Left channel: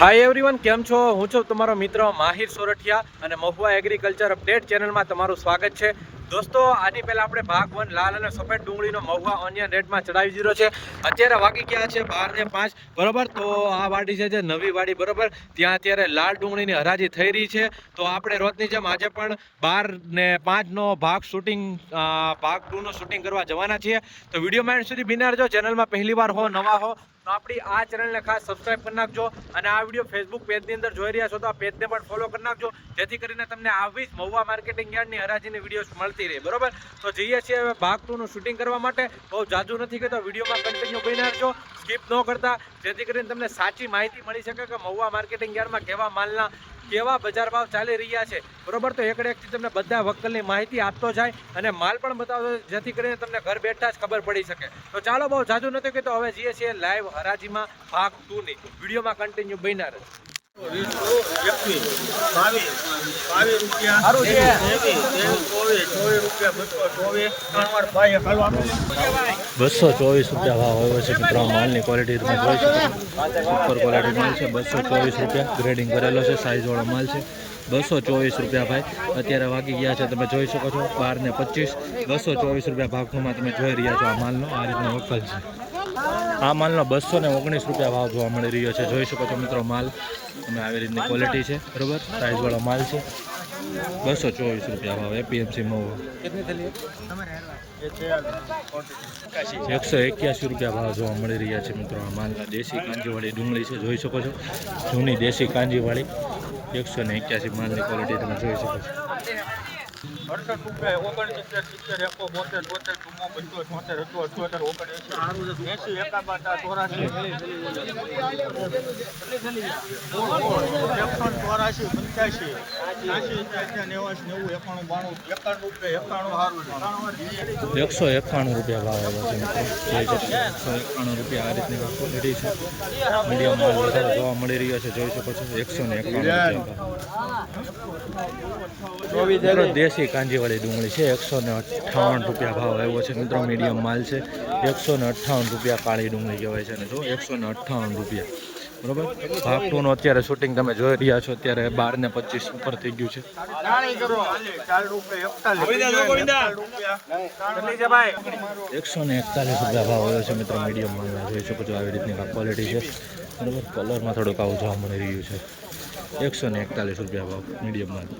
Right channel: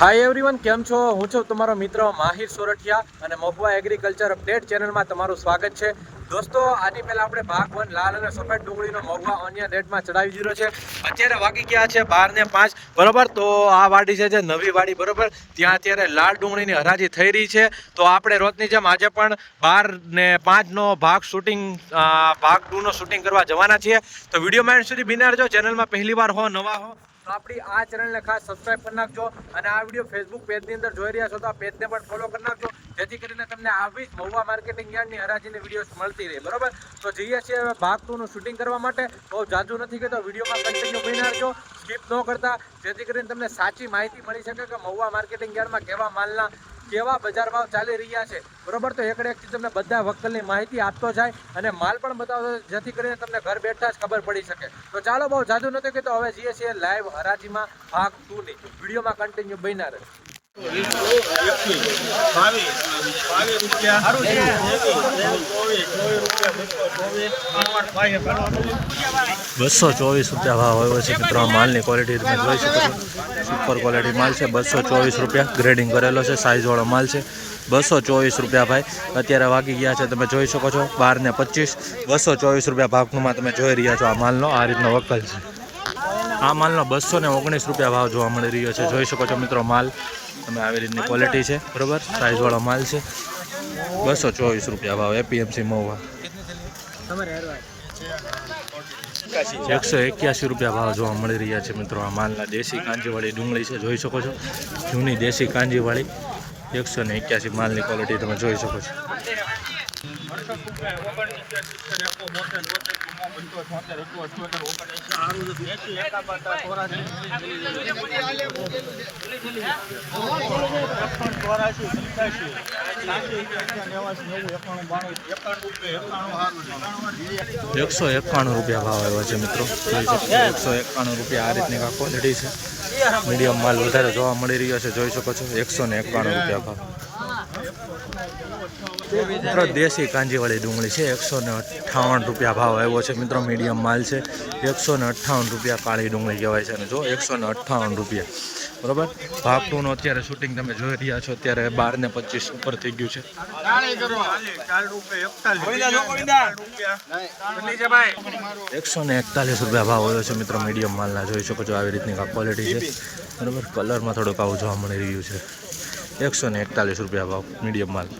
Hi everyone, કેમ છો? હું છું તમારો મિત્ર માહિર સોરઠિયા અને મહુવા એગ્રીકલ્ચર અપડેટ ચેનલમાં તમારું સ્વાગત છે. દોસ્તો, આની પહેલાં આપણે ભાગ 1 લાલ અને સફેદ ડુંગળીનો મહુવા ઓનિયન રેટમાં ચડાવી દીધો છે. અત્યારે વાગી ગયા છે 12:05 બરોબર. તો આ વાડી છે જે નવી વાડી બરોબર, ત્યાં અત્યારે લાલ ડુંગળીની હરાજી થઈ રહી છે. તો આપણે રોજની જેમ આજે પણ 12:05નો ભાગ શૂટિંગ ભાગ 2નો શૂટિંગ કરવા જવાના છીએ. તો વિડીયોમાં એન્ડ સુધી બિના રહેજો. ચેનલમાં પહેલી વાર હો, નવા હો તો આપણી આ ચેનલને ખાસ સબસ્ક્રાઇબ કરી નાખજો અને આ વિડીયો ફેસબુક પેજની અંદર જોઈ રહ્યા છો તો આ પેજને પણ ફોલો કરી નાખજો, જેથી કરીને તમને આવી જ મહુવા માર્કેટિંગ યાર્ડની હરાજીની વિડીયો મળતી રહે બરોબર. તો જઈએ છીએ હવે ભાગ 2નું શૂટિંગ કરવા માટે. બહુ જાજુ નથી કહેતો, વિડીયોમાં કન્ટિન્યુ બની રહેજો, સ્કીપ ન કરતા, જેથી કરીને તમને સાચી માહિતી મળી શકે કે મહુવા માર્કેટિંગ યાર્ડમાં કેવા માલના કેવા બજાર ભાવ ચાલી રહ્યા છે બરોબર. તો એકથી તમને બધા વકલની માહિતી આપતો જાય અને માલ પણ બતાવતો, જેથી કરીને તમને ઘર બેઠા જ ખબર પડી શકે. તો ચાલો, બહુ જાજુ નથી કહેતો, હવે જઈએ છીએ લાઈવ હરાજીમાં ભાગ 2ની. વિડીયોમાં કન્ટિન્યુ બન્યા રહેજો. 224 રૂપિયા ભાવ આવ્યો છે મિત્રો. માલની ક્વોલિટી તમે જોઈ શકો છો, સુપર ક્વોલિટી માલ છે. 224 રૂપિયા ગ્રેડિંગ કરેલો છે, સાઇઝવાળો માલ છે. 224 રૂપિયા ભાઈ. અત્યારે વાગી ગયા છે, તમે જોઈ શકો છો 12:25. 224 રૂપિયા ભાગમાં તમે જોઈ રહ્યા છો. આ માલનો આ રીતનો વકલ છે. આ માલનો 219 રૂપિયા ભાવ જોવા મળી રહ્યો છે. જોઈ શકો છો મિત્રો, માલ તમે આવી રીતની ક્વોલિટી છે બરોબર, સાઇઝવાળો માલ છે. 224 રૂપિયા ભાવ એપીએમસી મહુવા. 181 રૂપિયા ભાવ જોવા મળી રહ્યા છે મિત્રો. આ માલના દેશી કાંજીવાળી ડુંગળી છે, જોઈ શકો છો, જૂની દેશી કાંજીવાળી. 181 માલની ક્વોલિટી તમે જોઈ શકો છો. 191 રૂપિયા ભાવ આવ્યો છે મિત્રો. જોઈ શકો છો 191 રૂપિયા. આ રીતની આ ક્વોલિટી છે. મીડિયમ માલ વધારે જોવા મળી રહ્યો છે, જોઈ શકો છો. 191 રૂપિયા ભાવ મિત્રો. દેશી કાંજીવાળી ડુંગળી છે, 158 રૂપિયા ભાવ આવ્યો છે મિત્રો. મીડિયમ માલ છે. 158 રૂપિયા કાળી ડુંગળી કહેવાય છે. અને જો 158 રૂપિયા બરોબર. ભાગ 2નો અત્યારે શૂટિંગ તમે જોઈ રહ્યા છો. અત્યારે 12:25 ઉપર થઈ ગયું છે. 141 રૂપિયા ભાવ આવ્યો છે મિત્રો. મીડિયમ માલના જોઈ શકો છો, આવી રીતની આ ક્વોલિટી છે બરોબર. કલરમાં થોડુંક આવું જોવા મળી રહ્યું છે. 141 રૂપિયા ભાવ મીડિયમ માલ.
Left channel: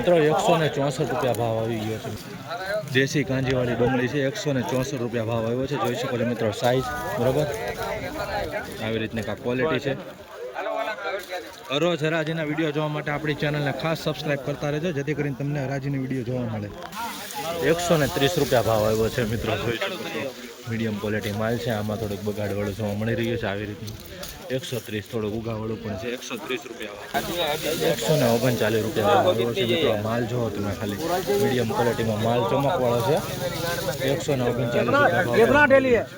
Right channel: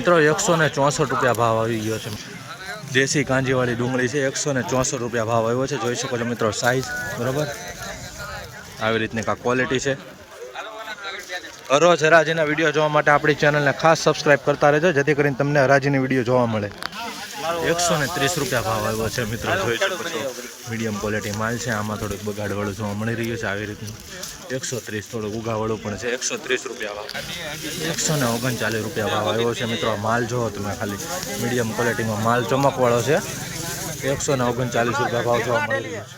164 રૂપિયા ભાવ આવી ગયો છે. દેશી કાંજીવાળી ડુંગળી છે, 164 રૂપિયા ભાવ આવ્યો છે. જોઈ શકો છો મિત્રો, સાઈઝ બરોબર, આવી રીતની આ ક્વોલિટી છે. રોજ હરાજીના વિડીયો જોવા માટે આપણી ચેનલને ખાસ સબસ્ક્રાઇબ કરતા રહેજો, જેથી કરીને તમને હરાજીની વિડીયો જોવા મળે. 130 રૂપિયા ભાવ આવ્યો છે મિત્રો. જોઈ શકો છો, મીડિયમ ક્વોલિટી માલ છે. આમાં થોડુંક બગાડવાળું જોવા મળી રહ્યું છે આવી રીતનું. 130 થોડુંક ઉગાવાળું પણ છે. 130 રૂપિયા ભાવ. 139 રૂપિયા ભાવ આવ્યો છે મિત્રો. માલ જોવો તમે ખાલી, મીડિયમ ક્વોલિટીમાં માલ ચમકવાળો છે. 139 રૂપિયા ભાવ જોવા મળી રહ્યો છે.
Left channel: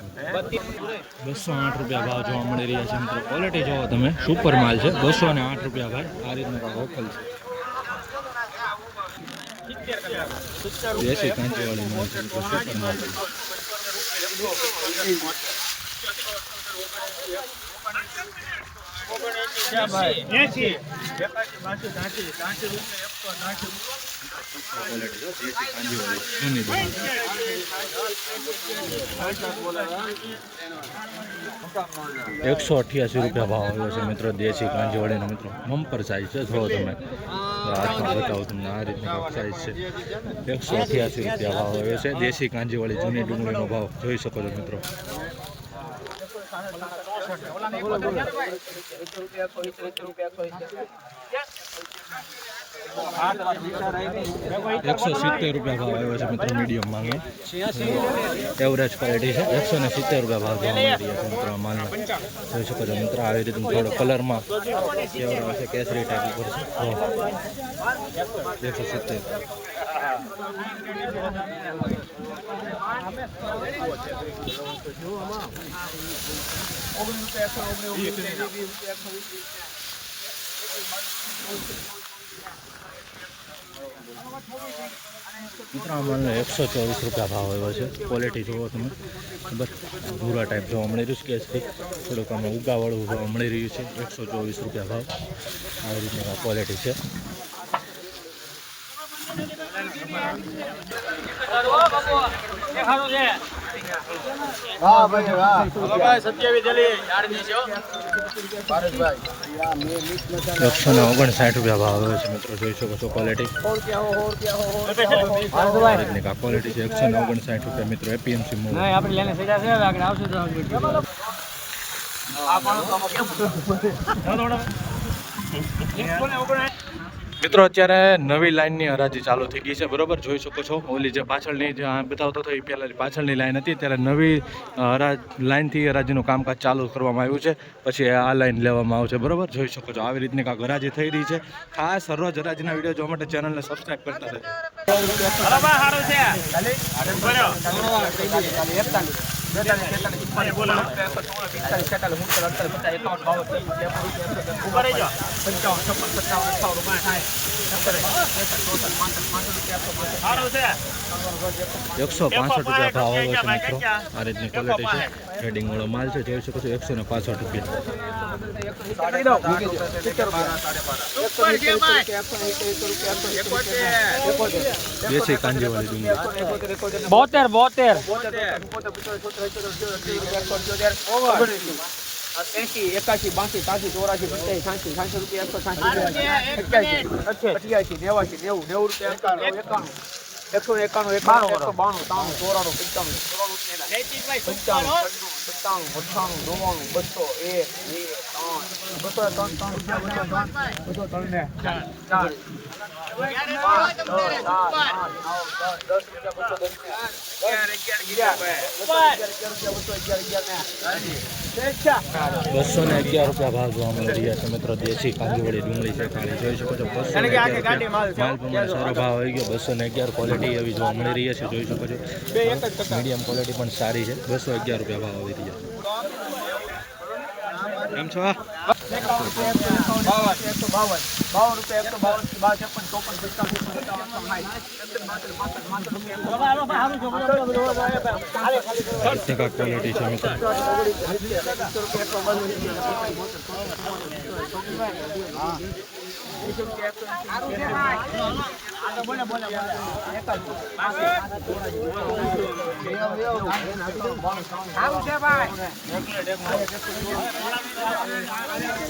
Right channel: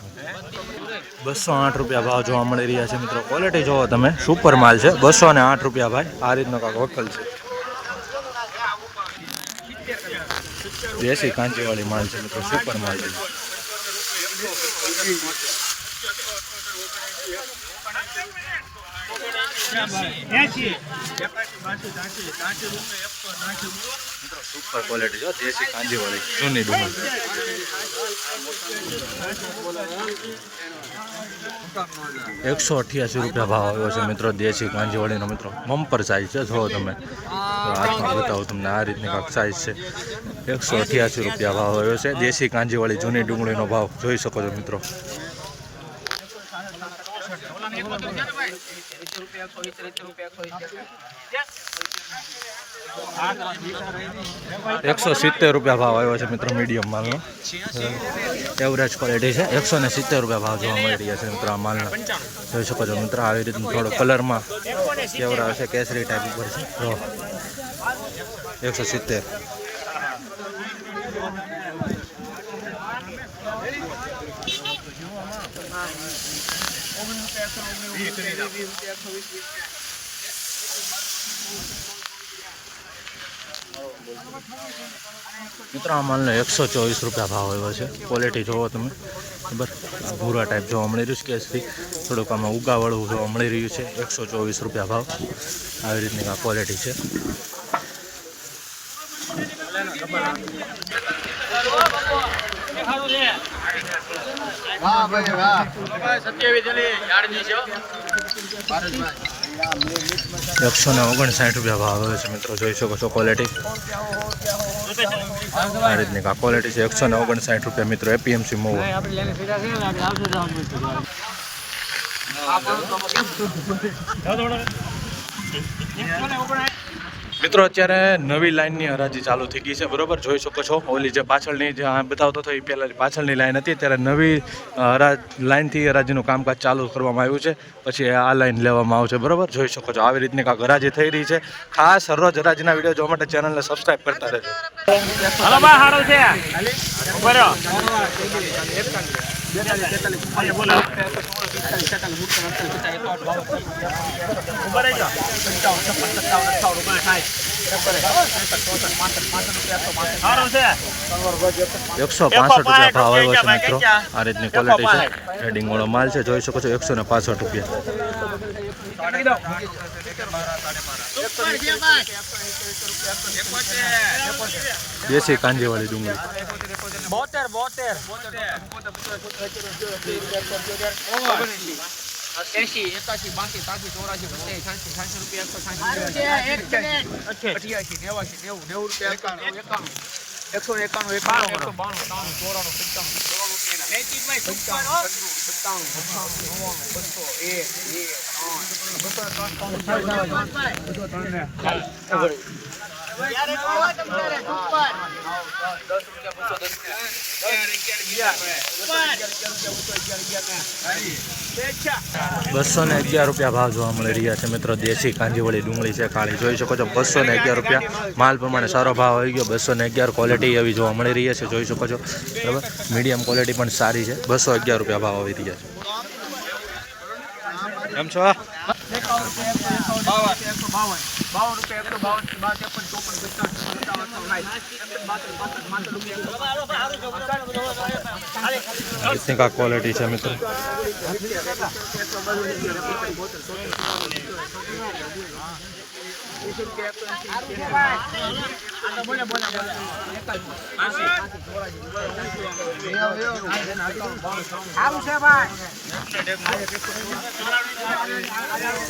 208 રૂપિયા ભાવ જોવા મળી રહ્યા છે મિત્રો. ક્વોલિટી જોવો તમે, સુપર માલ છે. 208 રૂપિયા ભાઈ. આ રીતનો કાંક વકલ છે. દેશી કાંચીવાળી માલ છે મિત્રો, સુપર માલ છે. 80 સુપર ક્વોલિટી જો, દેશી કાંજીવાળી જૂની ડુંગળી. 188 રૂપિયા ભાવ આવ્યો છે મિત્રો. દેશી કાંજીવાળીનો મિત્રો બમ્પર સાઇઝ છે. જો તમે હાથમાં બતાવું તમને, આ રીતની કાંક સાઇઝ છે. 188 રૂપિયા ભાવ આવ્યો છે. દેશી કાંજીવાળી જૂની ડુંગળીનો ભાવ જોઈ શકો છો મિત્રો. 170 રૂપિયા ભાવ આવ્યો છે મિત્રો. મીડિયમ માલનો એવરેજ ક્વોલિટી છે. 170 રૂપિયા ભાવ જોવા મળી રહ્યા છે મિત્રો આ માલના. જોઈ શકો છો મિત્રો, આવી રીતનું થોડો કલરમાં કેવડા છે, કેસરી ટાઈપ ઉપર છે. 170. મિત્રો આ માલનો 124 રૂપિયા ભાવ આવ્યો છે. ક્વોલિટી જોવો તમે, બરાબર. આ ભૂરા ટાઈપ જોવા મળી રહ્યું છે, કેસરી થોડુંક આમાં ઉગાવાળું જોવા મળી રહ્યું છે. 124 રૂપિયા ભાવ. આવી રીતની આ ક્વોલિટી છે. એકસો ને 59 રૂપિયા ભાવ આવે છે મિત્રો, જોઈ શકો છો ક્વોલિટી. આ રીતની આ ક્વોલિટી છે. 159 રૂપિયા મિત્રો, એપીએમસી મોવ. મિત્રો અત્યારે નવી લાઇનની હરાજી ચાલુ થઈ ગઈ છે, બરોબર. જોઈ શકો છો ઓલી જે પાછળની જે બતાવતો હતો એ પહેલાં પાછળની લાઈન હતી, ત્યારે નવી લાઇનથી હરાજીનું કામકાજ ચાલુ કરવામાં આવ્યું છે. પછી આ લાઈન લેવામાં આવશે, બરોબર. જોઈ શકો છો આવી રીતની કાંઈક હરાજી થઈ રહી છે. ખાસ હરરોજ હરાજીના વિડીયો જોવા માટે ચેનલને સબસ્ક્રાઈબ કરતા રહેજો. ₹165 ભાવ આવ્યો છે મિત્રો. આ રીતની ક્વોલિટી છે, રેડિંગ વાળો માલ છે. જોઈ શકો છો ₹165. દેશી કાંજીવાળી ડુંગળી 72 80 81 82 83 84 85 86 રૂપિયા 211 રૂપિયા ભાવ જોવા મળી રહ્યા છે મિત્રો. દેશી કાંજીવાળી ડુંગળી છે, કાળી. જોઈ શકો છો 211 રૂપિયા. માલ પ્રમાણે સારો ભાવ આવી ગયો. 211 ક્વોલિટી એવી જોવા મળી રહી છે, જોઈ શકો છો, બરાબર. મીડિયમ ક્વોલિટી પણ સારી છે. 211 રૂપિયા ભાવ આવી રહ્યા છે. કેમ છો? इतनी का क्वालिटी है मित्र.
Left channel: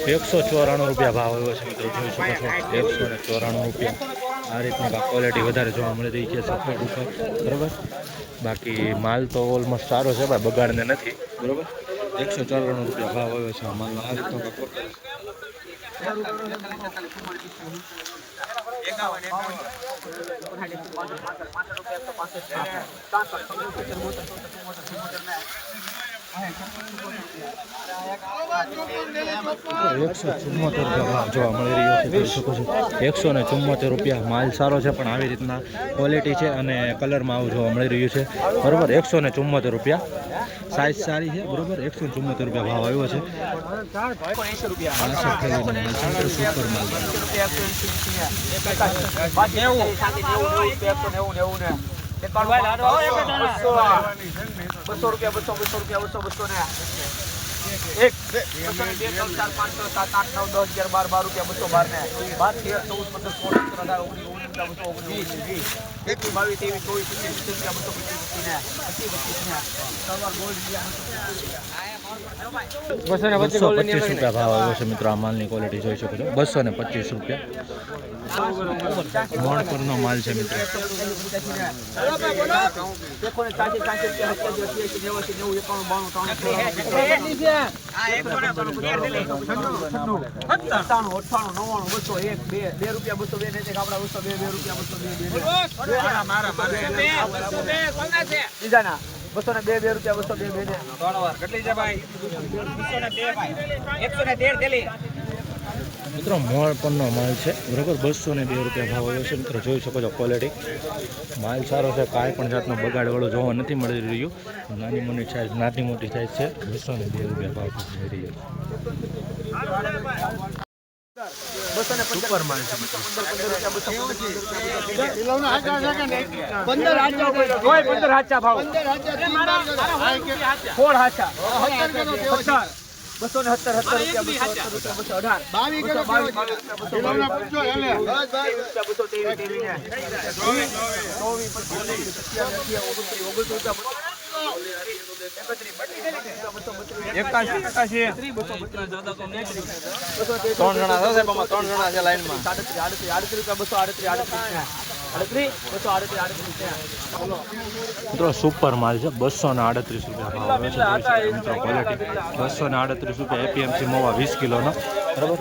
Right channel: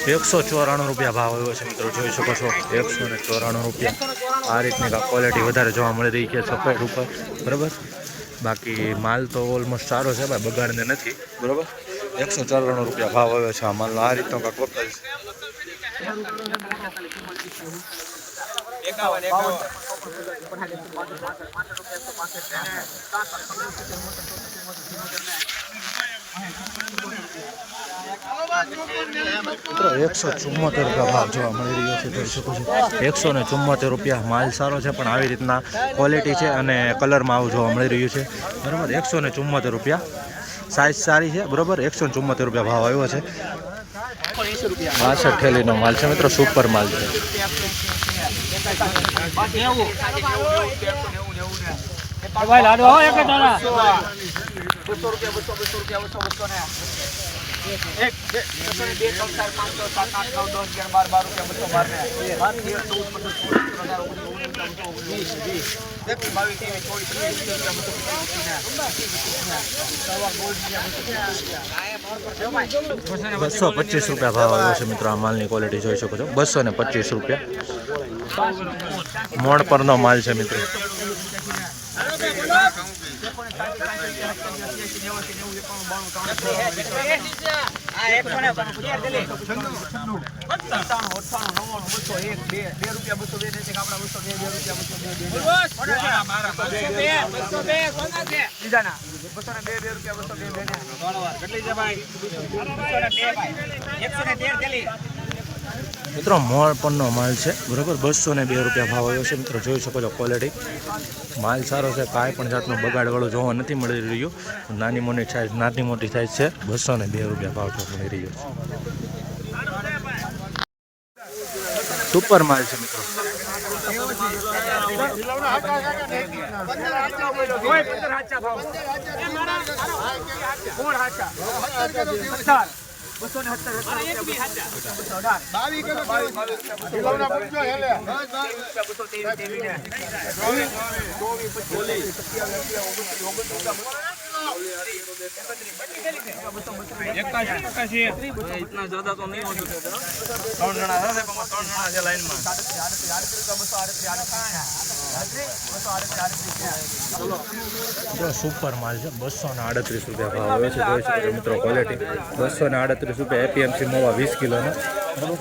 ₹194 ભાવ આવ્યો છે મિત્રો, જોઈ શકો છો. ₹194. આ રીતની ક્વોલિટી વધારે જોવા મળી રહી છે સફેદ ઉપર, બરાબર. બાકી માલ તો ઓલમોસ્ટ સારો છે ભાઈ, બગાડને નથી, બરાબર. ₹194 ભાવ આવ્યો છે આ માલનો. આ રીતનો કાંક વપરાય છે. મિત્રો ₹174 ભાવ જોવા મળી રહ્યો છે, જોઈ શકો છો. ₹174. માલ સારો છે, પણ આવી રીતના ક્વોલિટી છે અને કલરમાં આવું જોવા મળી રહ્યું છે, બરાબર. ₹174. સાઇઝ સારી છે, બરાબર. ₹174 ભાવ આવ્યો છે. 62 થેલીનો માલ છે મિત્રો, સુપર માલ છે. ₹225 ભાવ આવ્યો છે મિત્રો. આ માલની ક્વોલિટી જોઈ શકો છો. ₹225. મોણ પરનો માલ છે મિત્રો. મિત્રો મોળ પરનો માલ છે બરાબર, 202 રૂપિયા ભાવ આવ્યો છે મિત્રો. જોઈ શકો છો ક્વોલિટી, માલ સારો છે, કાંઈ પણ જાતનો બગાડવાળો જોવા નથી મળી રહ્યું. નાની મોટી સાઇઝ છે, 202 રૂપિયા ભાવ જોવા મળી રહ્યો છે. સુપર માલ છે મિત્રો. 15 હાચા ભાવ 16 હાચા 270 મિત્રો સુપર માલ છે, 238 રૂપિયા ભાવ આવ્યો છે. જોઈ શકો છો મિત્રો ક્વોલિટી, 238 રૂપિયા એપીએમસી મવા 20 કિલોનો બરાબર.